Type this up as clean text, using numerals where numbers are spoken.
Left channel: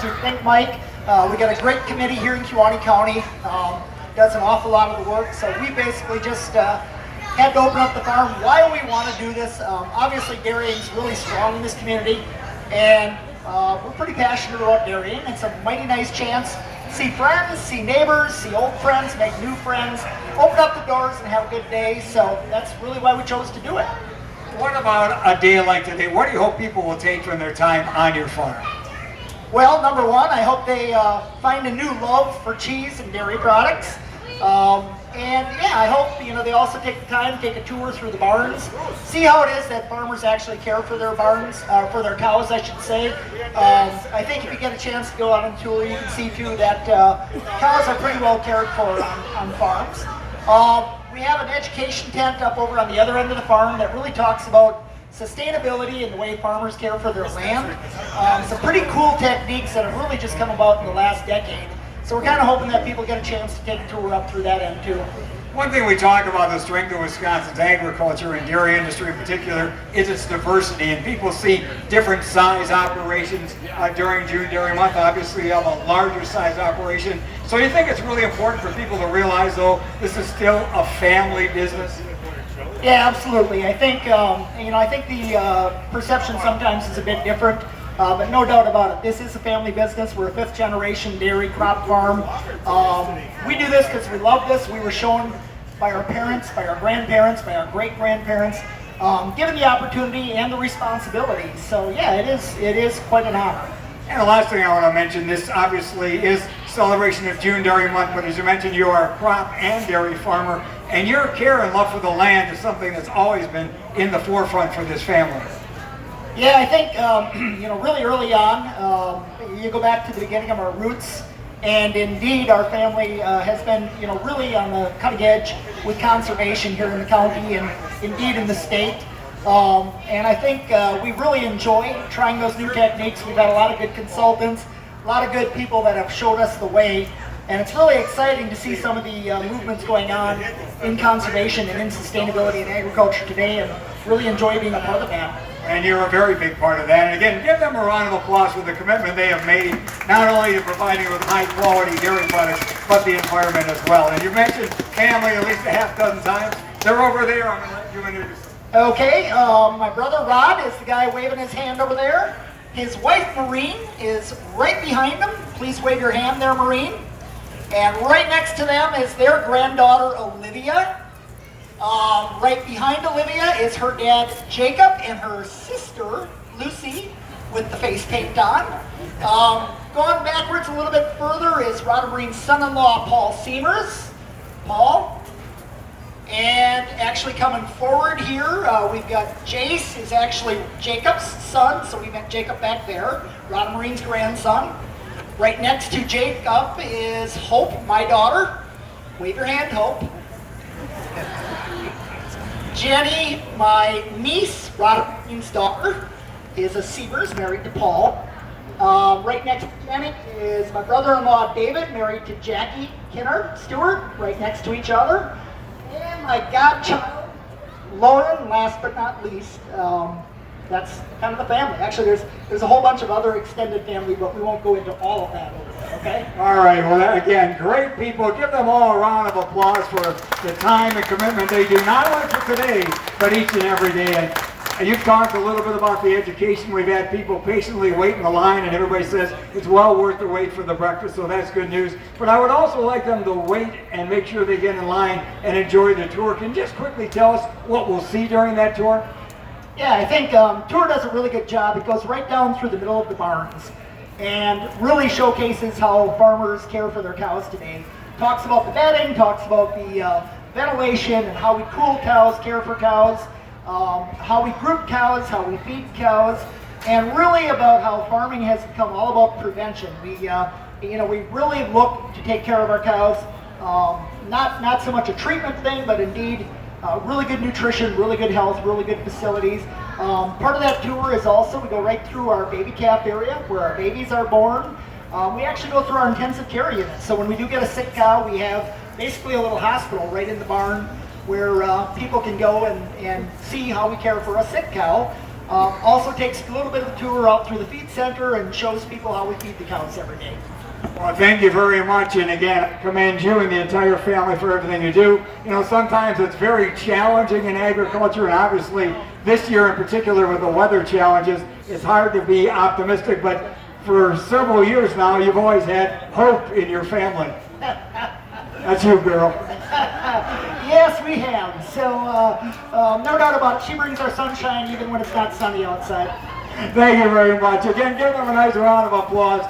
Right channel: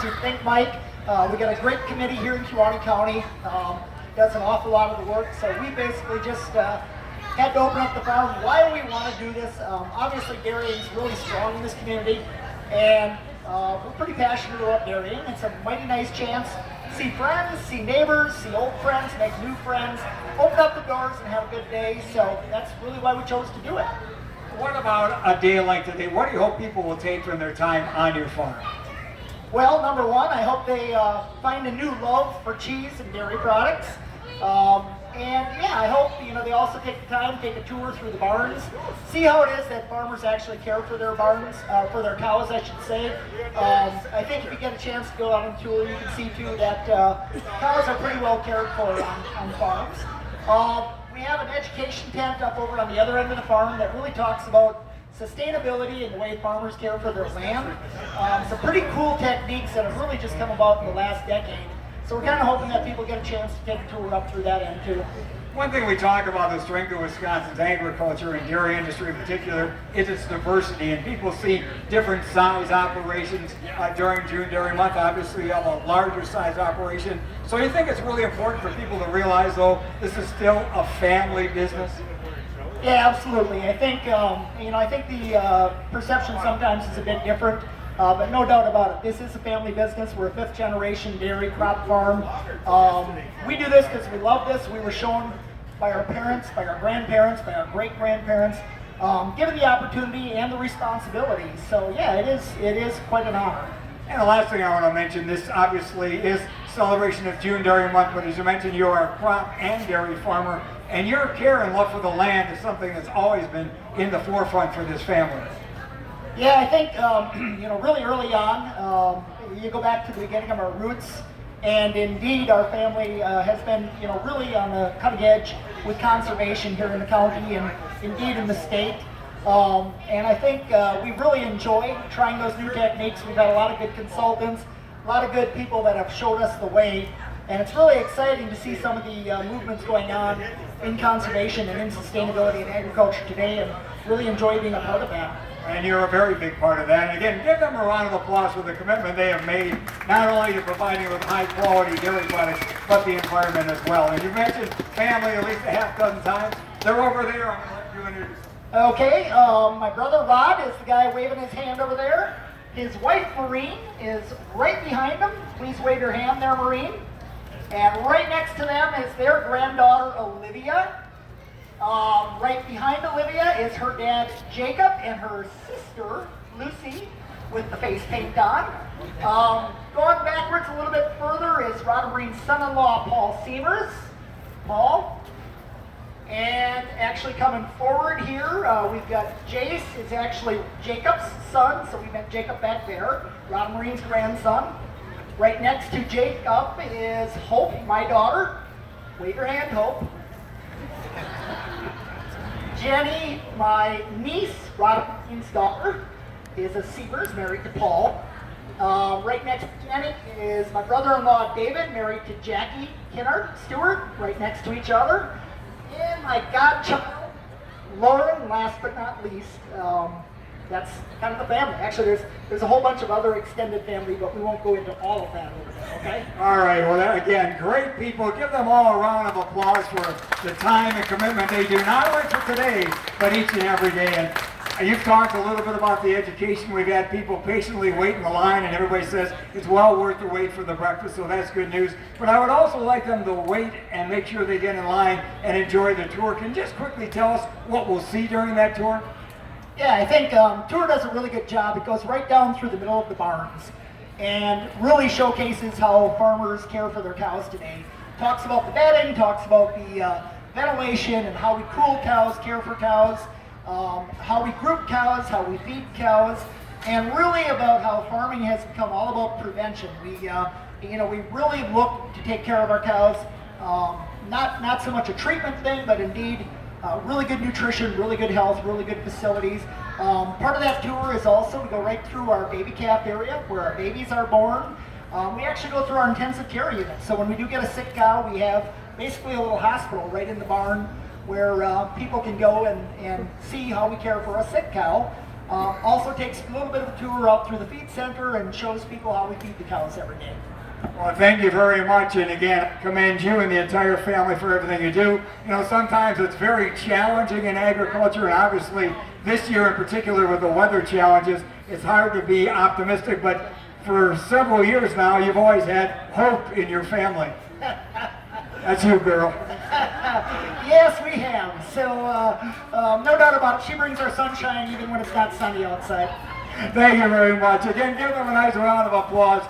farms. You'd think, Mike. We got a great committee here in Kewaunee County. Does an awful lot of the work. So we basically just had to open up the farm. Why do we want to do this? Obviously, dairying is really strong in this community, and we're pretty passionate about dairying. It's a mighty nice chance to see friends, see neighbors, see old friends, make new friends, open up the doors and have a good day. So that's really why we chose to do it. What about a day like today? What do you hope people will take from their time on your farm? Well, number one, I hope they find a new love for cheese and dairy products. And yeah, I hope they also take the time to take a tour through the barns, see how it is that farmers actually care for their barns, for their cows, I should say. I think if you get a chance to go out on a tour, you can see too that cows are pretty well cared for on farms. We have an education tent up over on the other end of the farm that really talks about sustainability and the way farmers care for their land. Some pretty cool techniques that have really just come about in the last decade. So we're kind of hoping that people get a chance to take a tour up through that end too. One thing we talk about the strength of Wisconsin's agriculture and dairy industry in particular is its diversity, and people see different size operations during June Dairy Month. Obviously you have a larger size operation. So you think it's really important for people to realize though this is still a family business? Yeah, absolutely. I think I think the perception sometimes is a bit different. But no doubt about it, this is a family business. We're a fifth generation dairy crop farm. We do this because we love this. We were shown by our parents, by our grandparents, by our great-grandparents, given the opportunity and the responsibility. So yeah, it is quite an honor. And the last thing I want to mention, this obviously is celebration of June Dairy Month, but as you mentioned, you are a crop and dairy farmer, and your care and love for the land is something that's always been in the forefront for this family. Yeah, I think, really early on, you go back to the beginning of our roots, and indeed our family has been, really on the cutting edge with conservation here in the county and indeed in the state. And I think we really enjoy trying those new techniques. We've had a lot of good consultants, a lot of good people that have showed us the way, and it's really exciting to see some of the movements going on in conservation and in sustainability in agriculture today, and really enjoy being a part of that. And you're a very big part of that. And again, give them a round of applause for the commitment they have made, not only to providing you with high quality dairy products, but the environment as well. And you mentioned family at least a half dozen times. They're over there. I'm going to let you introduce them. Okay, my brother Rod is the guy waving his hand over there. His wife Maureen is right behind him. Please wave your hand there, Maureen. And right next to them is their granddaughter Olivia. Right behind Olivia is her dad Jacob and her sister Lucy with the face paint on. Going backwards a little bit further is Rod and Maureen's son-in-law Paul Seamers. Paul. And actually coming forward here, we've got Jace, is actually Jacob's son, so we met Jacob back there, Rod and Maureen's grandson. Right next to Jacob is Hope, my daughter. Wave your hand, Hope. Jenny, my niece, Rod and Maureen's daughter, is a Seamers, married to Paul. Right next to Jenny is my brother-in-law David, married to Jackie Kinnard Stewart, right next to each other. And my godchild, Lauren, last but not least. That's kind of the family. Actually, there's a whole bunch of other extended family, but we won't go into all of that over there, okay? All right, well, again, great people. Give them all a round of applause for the time and commitment they do, not only for today, but each and every day. And you've talked a little bit about the education. We've had people patiently wait in the line, and everybody says it's well worth the wait for the breakfast, so that's good news. But I would also like them to wait and make sure they get in line and enjoy the tour. Can you just quickly tell us what we'll see during that tour? Yeah, I think tour does a really good job. It goes right down through the middle of the barns and really showcases how farmers care for their cows today. Talks about the bedding, talks about the ventilation and how we cool cows, care for cows, how we group cows, how we feed cows, and really about how farming has become all about prevention. We really look to take care of our cows, not so much a treatment thing, but indeed really good nutrition, really good health, really good facilities. Part of that tour is also we go right through our baby calf area where our babies are born. We actually go through our intensive care unit. So when we do get a sick cow, we have basically a little hospital right in the barn where people can go and see how we care for a sick cow. Also takes a little bit of a tour out through the feed center and shows people how we feed the cows every day. Well, thank you very much, and again, commend you and the entire family for everything you do. You know, sometimes it's very challenging in agriculture, and obviously this year in particular with the weather challenges, it's hard to be optimistic, but for several years now, you've always had hope in your family. That's you, girl. Yes, we have. So, no doubt about it. She brings our sunshine even when it's not sunny outside. Thank you very much. Again, give them a nice round of applause.